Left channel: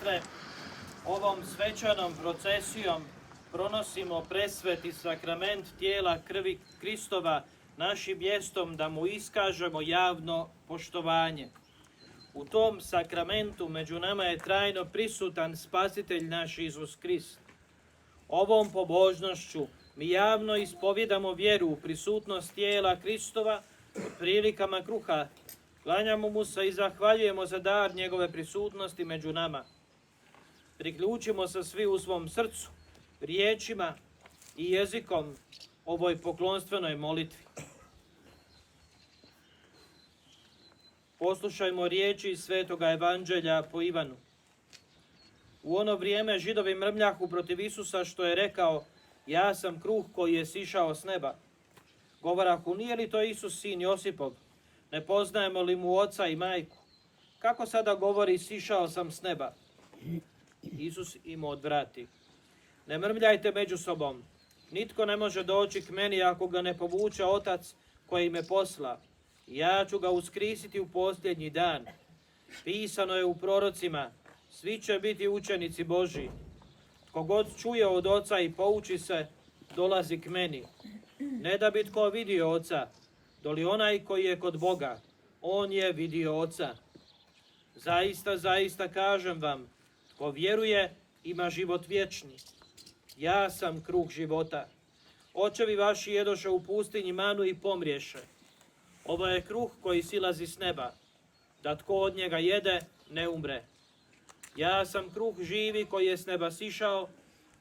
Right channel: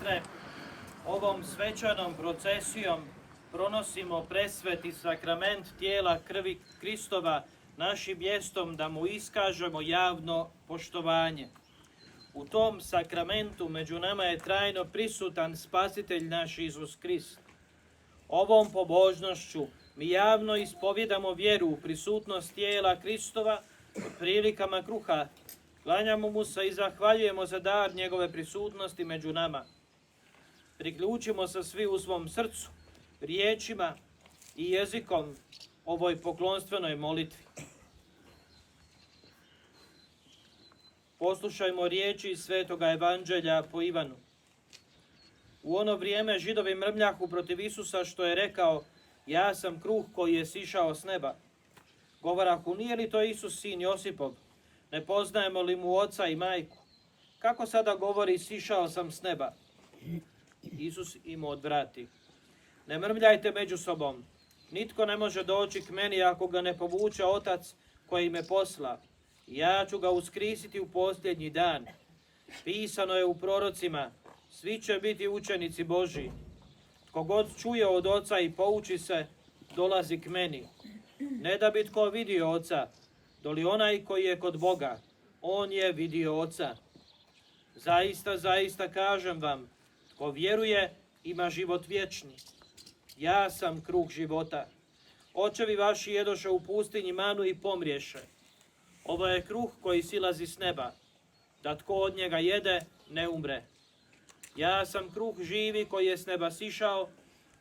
sestre, ovom svečanom procesijom pronosimo presveti sakrament tijela krvi Kristova našim mjestom da mu iskažemo javno poštovanje. U tom sakramentu među nama je trajno prisutan Spasitelj naš Isus Krist. Ovom pobožnošću mi javno ispovjedamo vjeru u prisutnost tijela Kristova u prilikama kruha. Klanjamo mu se i zahvaljujemo za dar njegove prisutnosti među nama. Priključimo se svi u svom srcu, riječima i jezikom ovoj poklonstvenoj molitvi. Poslušajmo riječi iz Svetoga Evanđelja po Ivanu. U ono vrijeme Židovi mrmljahu protiv Isusa što je rekao: ja sam kruh koji je sišao s neba. Govorahu: nije li to Isus sin Josipov? Ne poznajemo li mu oca i majku? Kako sada govori sišao sam s neba? Isus im odvrati: ne mrmljajte među sobom. Nitko ne može doći k meni ako ga ne povuče Otac koji me posla. Ja ću ga uskrisiti u posljednji dan. Pisano je u prorocima: svi će biti učenici Božji. Tko god čuje od Oca i pouči se, dolazi k meni. Ne da bi tko vidio Oca, doli onaj koji je kod Boga, on je vidio Oca. Zaista, zaista kažem vam, tko vjeruje ima život vječni. Ja sam kruh života. Očevi vaši jedoše u pustinji manu i pomriješe. Ovo je kruh koji silazi s neba, da tko od njega jede ne umre. Ja sam kruh živi koji je s neba sišao,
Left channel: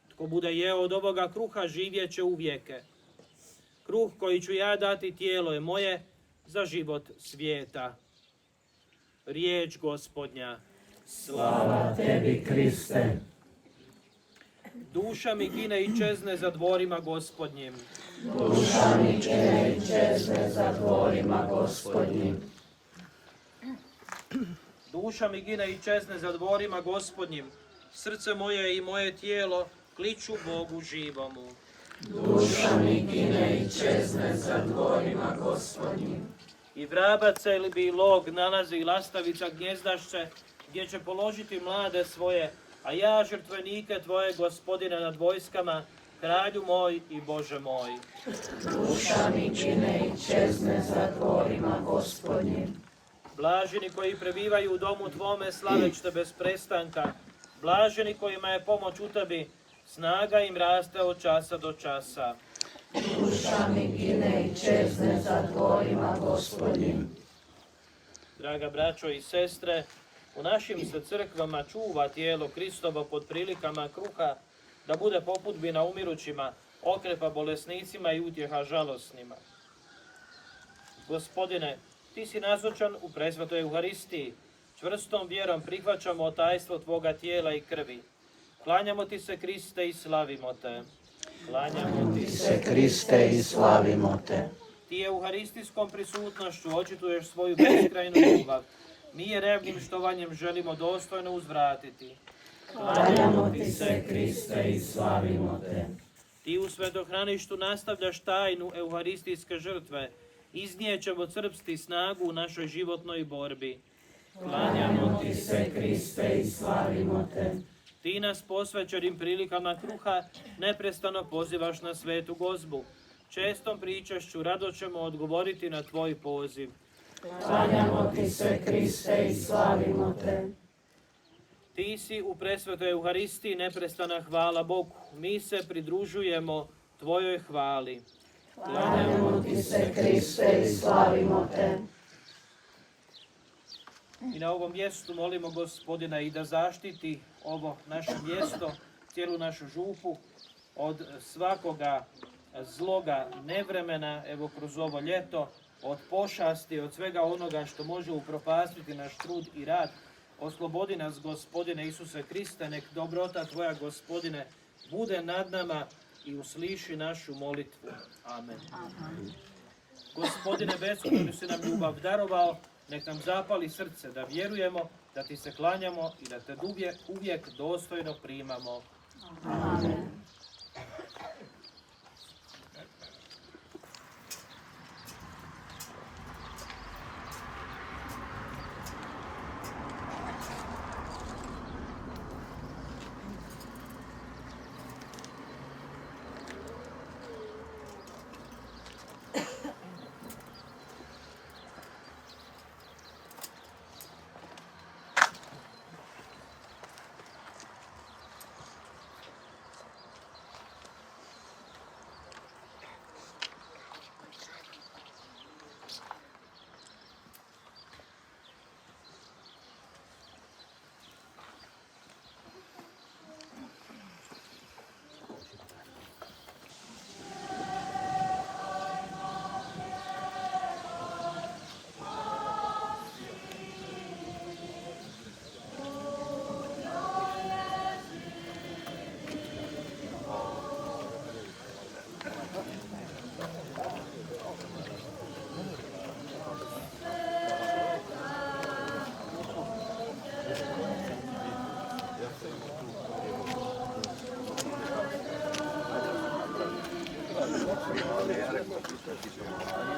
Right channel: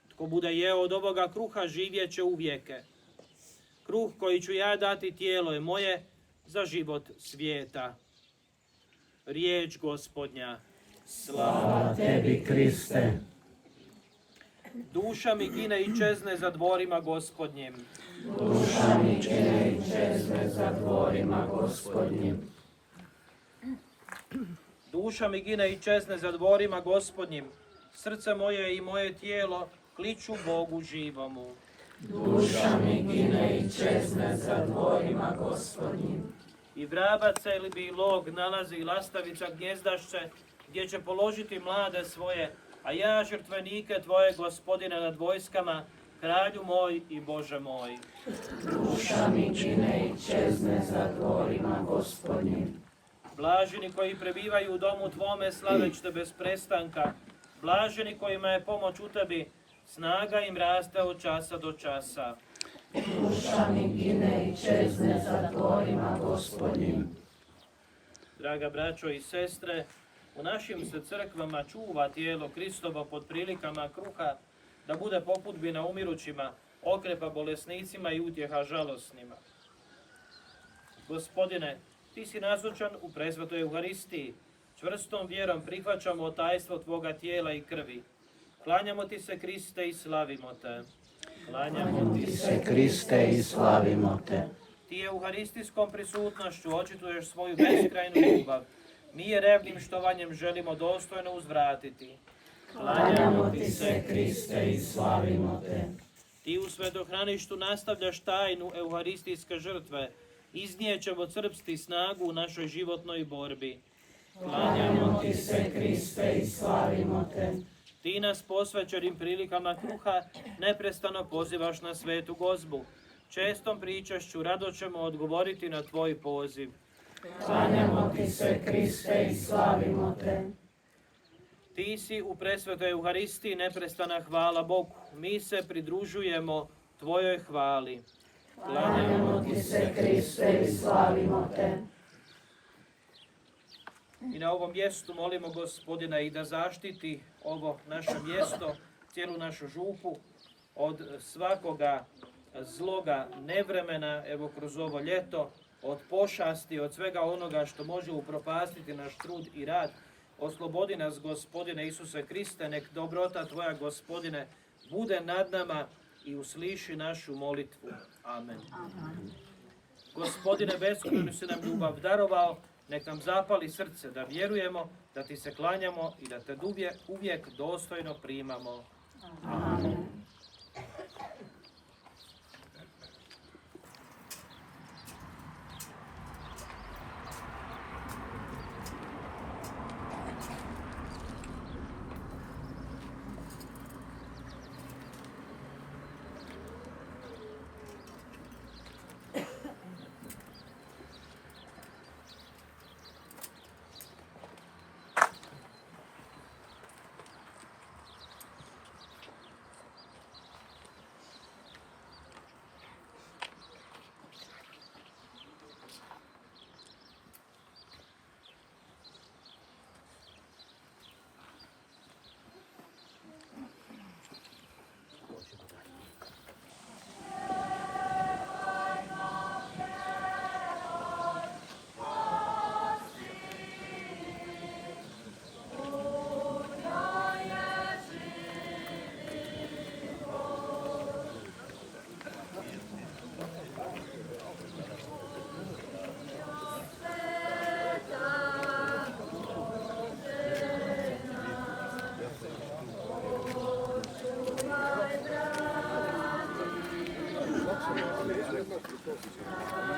tko bude jeo od ovoga kruha živjet će uvijeke. Kruh koji ću ja dati tijelo je moje za život svijeta. Riječ Gospodnja. Slava tebi, Kriste. Duša mi gine i čezne za dvorima Gospodnjim. Duša mi gine i čezne za dvorima Gospodnjim. Duša mi gine i čezne za dvorima Gospodnjim. Srce moje i moje tijelo kliču Bogu živomu. Duša mi gine i čezne za dvorima Gospodnjim. I vrabac ili bilog nalazi i lastavica gnjezdašce, gdje će položiti mlade svoje, a ja žrtvenike tvoje, Gospodine, nad vojskama, kralju moj i Bože moj. Duša mi gine i čezne za dvorima Gospodnjim. Blaženi koji prebivaju u domu tvome, slaveć te bez prestanka. Blaženi kojima je pomoć u tebi, snaga im raste od časa do časa. Duša mi gine i čezne za dvorima Gospodnjim. Draga braćo i sestre, u našim se crkvama čuva tijelo Kristovo pod prilikama kruha, da bude popudbina umirućima, okrepa bolesnicima i utjeha žalosnima. Gospodine, ti si nazočan u presvetoj Euharistiji. Čvrstom vjerom prihvaćamo tajstvo tvoga tijela i krvi. Klanjamo ti se, Kriste, i slavimo te. Klanjamo ti se, Kriste, i slavimo te. Ti euharistijskom prisutnošću očituješ svoju beskrajnu ljubav. Mi je revnim štovanjem želimo dostojno uzvratiti. Klanjamo ti se, Kriste, i slavimo te. Ti u svetohraništu nastavljaš tajnu euharistijske žrtve. Iznijećemo crpsti snagu u našoj životnoj borbi. Klanjamo ti se, Kriste, i slavimo te. Ti nas posvećenim prilikama kruha neprestano pozivaš na svetu gozbu. Čestom pričašću rado ćemo odgovoriti na tvoj poziv. Klanjamo ti se, Kriste, i slavimo te. Ti si u presvetoj Euharistiji neprestana hvala Bogu. Mi se pridružujemo tvojoj hvali. Klanjamo ti se, Kriste, i slavimo te. I na ovom mjestu molimo Gospodina i da zaštiti ovo naše mjesto, cijelu našu župu, od svakoga zloga nevremena, evo kroz ovo ljeto, od pošasti, od svega onoga što može upropastiti naš trud i rad. Oslobodi nas, Gospodine Isuse Kriste, nek dobrota tvoja, Gospodine, bude nad nama i usliši našu molitvu. Amen. Gospodine, beskrajnu si nam ljubav darovao, nek nam zapali srce da vjerujemo, da ti se klanjamo i da te uvijek dostojno primamo. Amen. Sveti su